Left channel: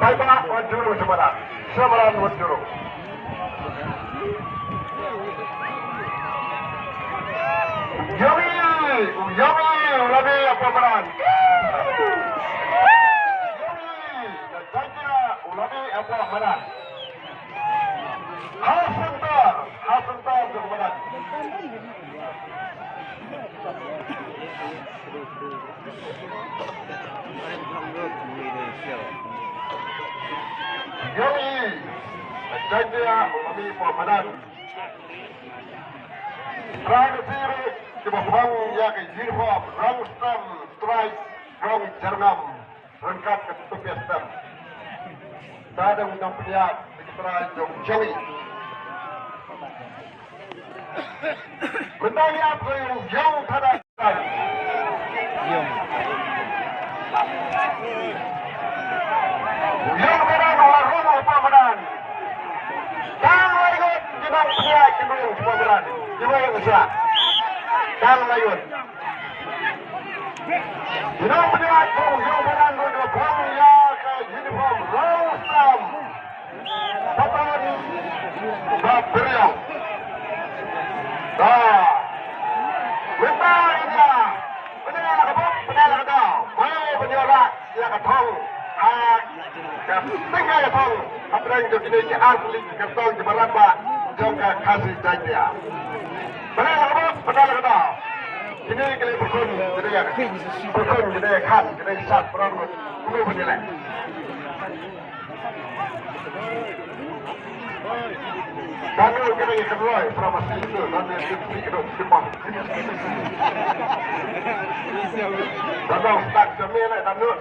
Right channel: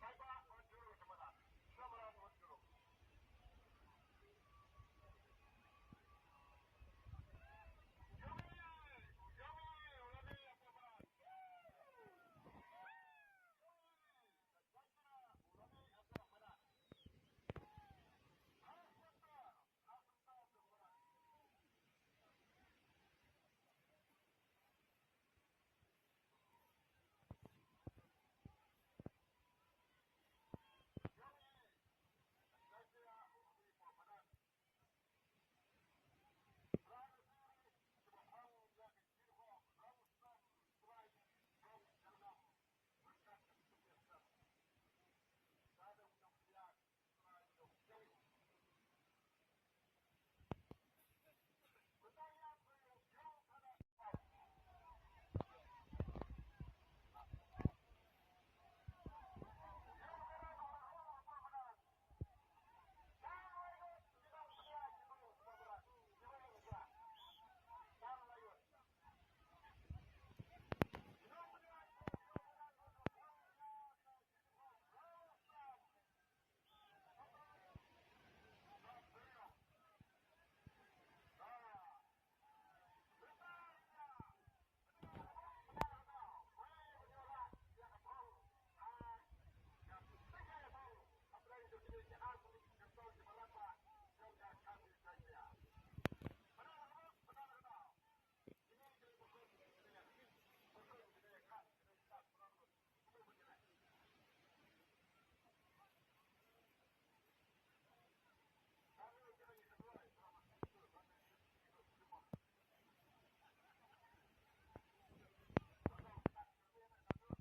Baiklah, Wajuru Semarang. Semarang Wajuru. Yomi, Rabi apa peran? Yomi, Najja, Rabi apa peran? Hasantar kemudian. Yomi, Najja, Rabi apa peran? Terakhir kebawang yang uniform, rang stem, strike, rang jernam, rangkat ke tepi stem. Ada undang pilihan sekitar Jowi. Bentang apa yang jauh pada yang berada dalam rumah pemenang. Dan ikut jenang pilihan cenderung pemenang. Jiwa yang besar. Dan layun. Jenang pilihan yang berada dalam rumah ke uniform Rostam. Patan Beriau. Bentang dia. Benar ke kau. Mai penyorak dia ke tong. Tinggal ke tong. Apa yang jadi asli ke tong di Maramba. Jangka kasih jaya. Benar ke kau. Ini kali berkon jadi kan jadi sat perang kuno penilai. Kami kena kedua informasi itu nanti sedikit simpang. Kalau tak jamin nak tanut.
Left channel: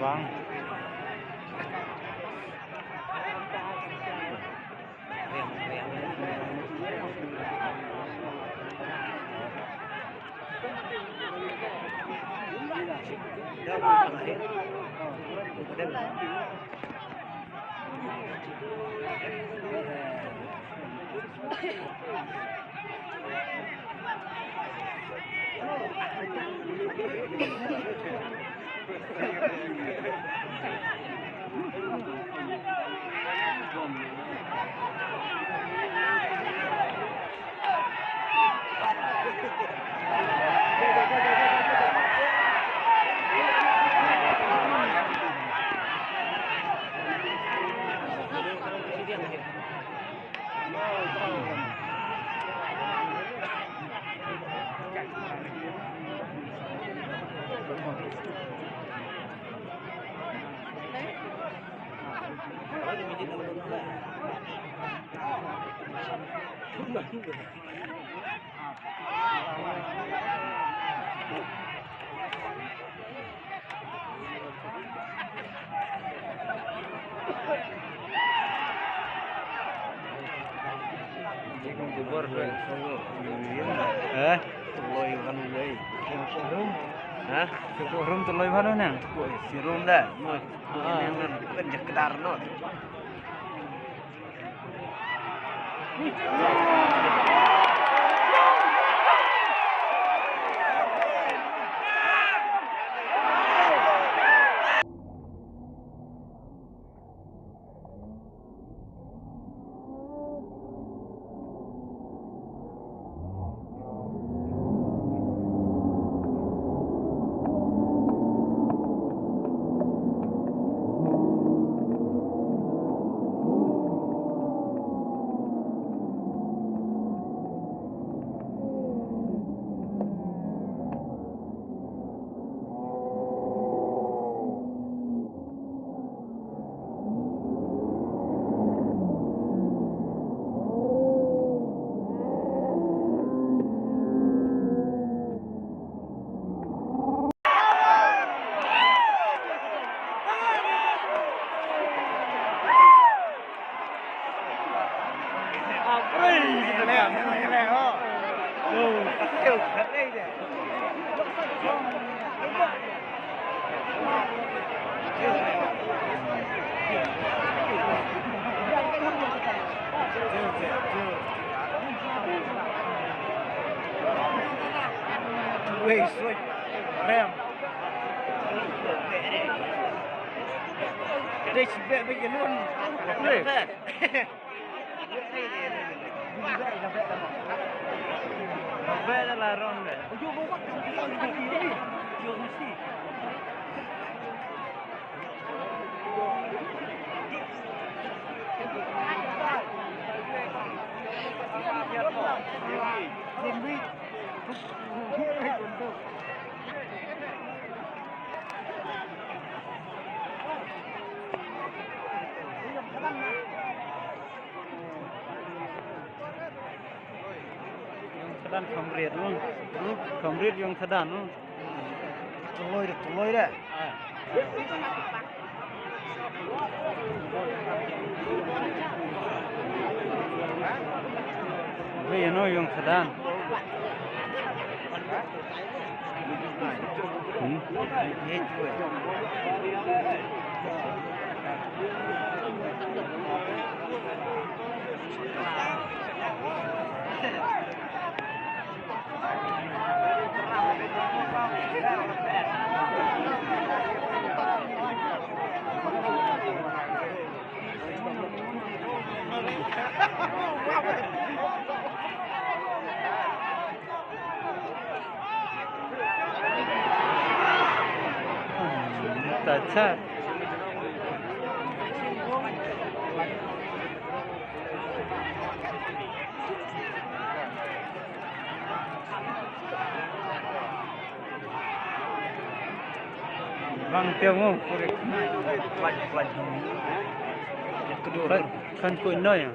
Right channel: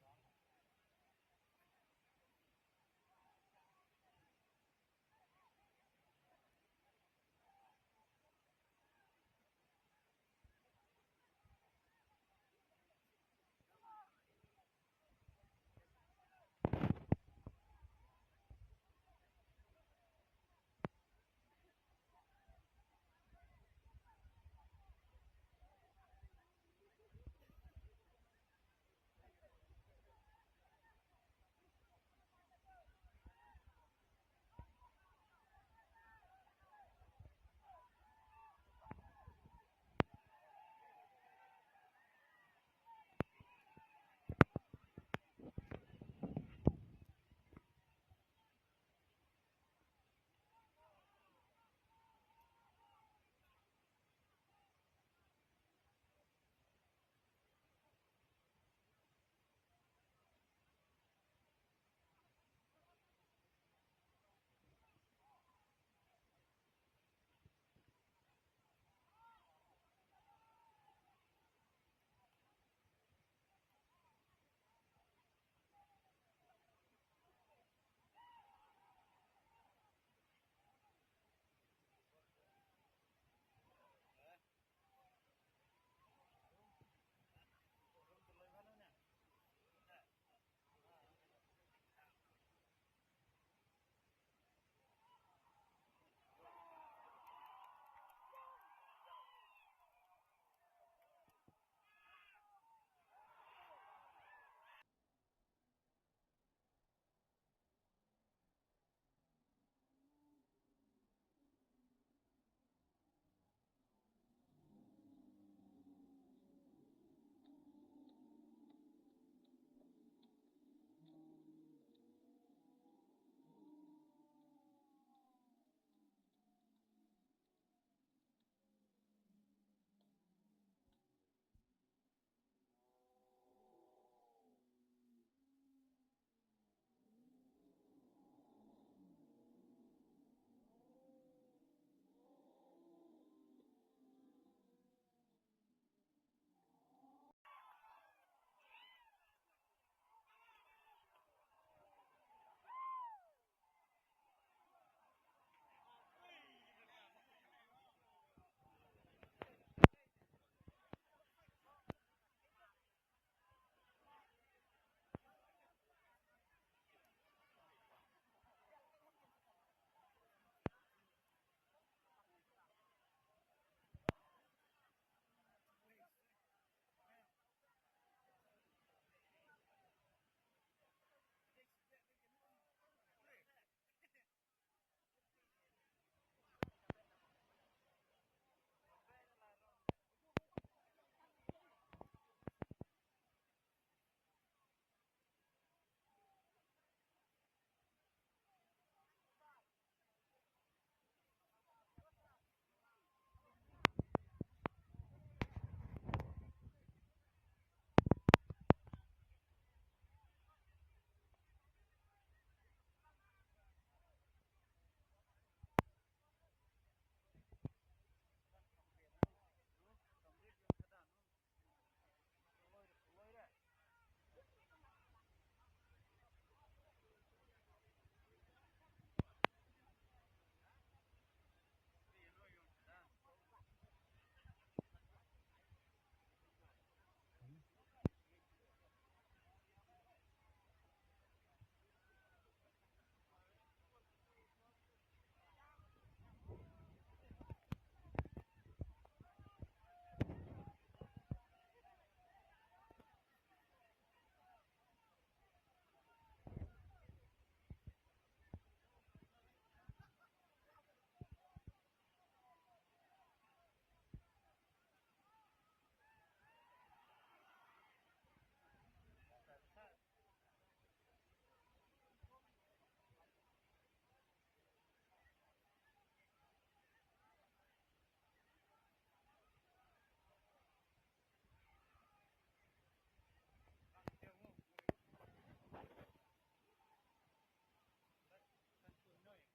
Vâng. Lôi văn lấy hả cái room từ lôi văn đó nè si room đó mà cái giặc cái đar nó Wait, Ram. Đây chỉ vẽ bây giờ luôn. Vẽ là ron đấy. Thằng không riết luôn, không riết dùng thằng luôn, tụi lôi đấy. Vì nó dùng thằng अच्छा Bang tiêu không? Khăn cùi nơi à?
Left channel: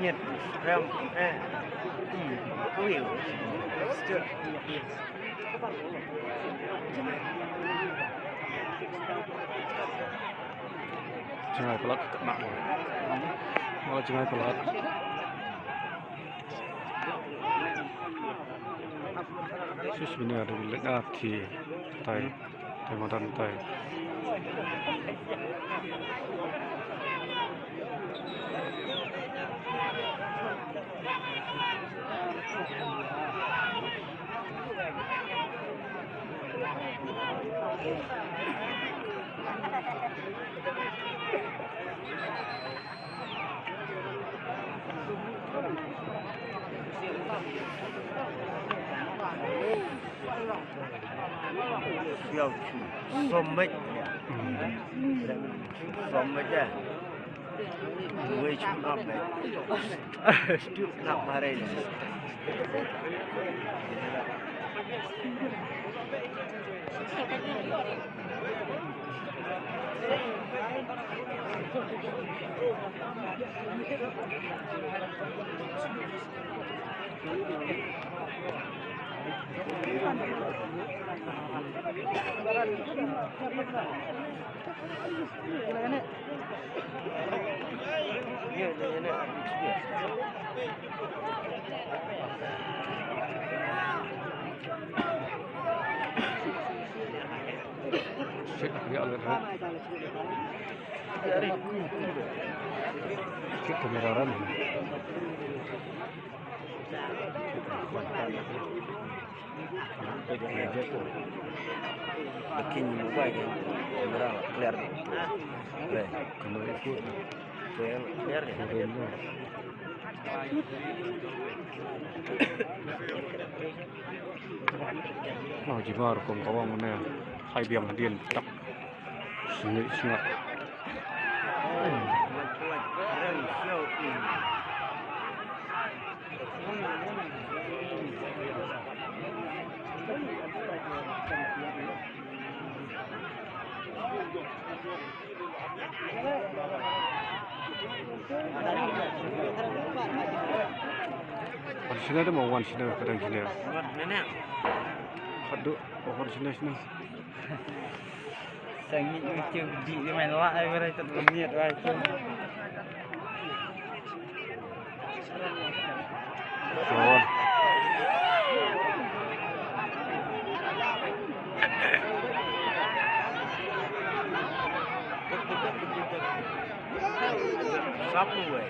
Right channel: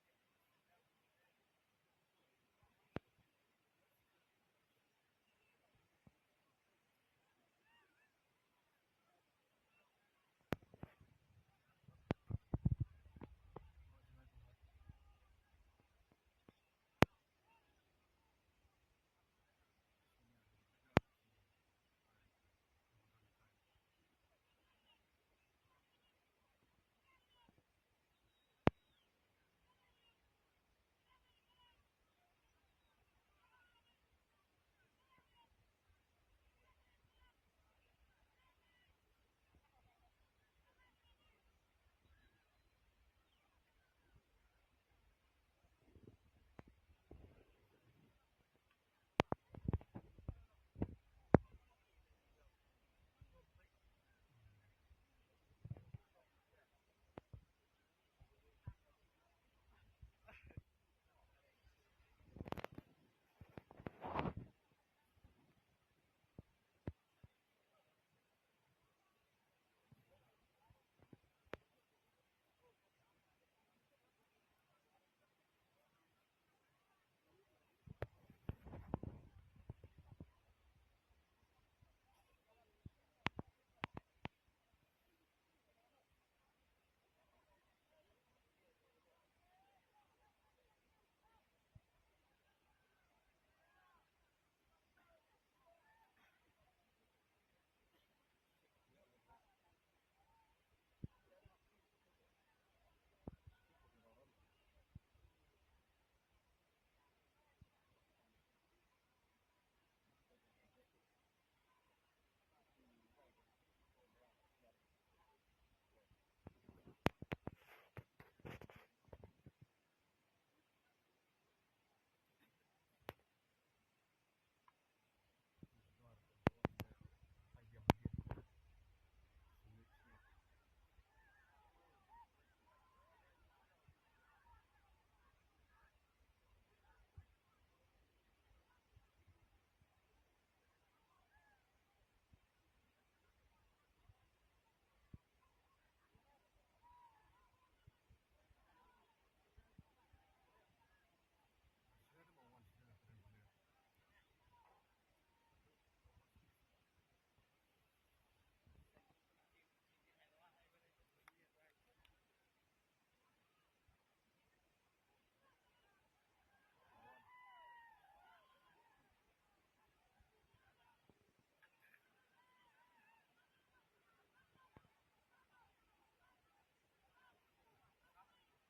Nhiệt rem hiểu Jangan pelak nak. Mau jangan pelak. Sus ini ada di lengkap di tay, modern tay. Sommet ya. Gue cuma apa? Itu nak marah ini. Cek dia lihat. Cek kamera ram. Bikin mobile kan, kamera clear. Kamera itu Clear ya. fotonya. Nah, jika rekam kawang mana, hai biang dian tak sengit sengit. Wan sini ada mau wan sini kadang sini. Nenek. Aduh, pohon sini. Sangit macam di main lak ai berai tak lengit ai. Pohon. Sapu weh.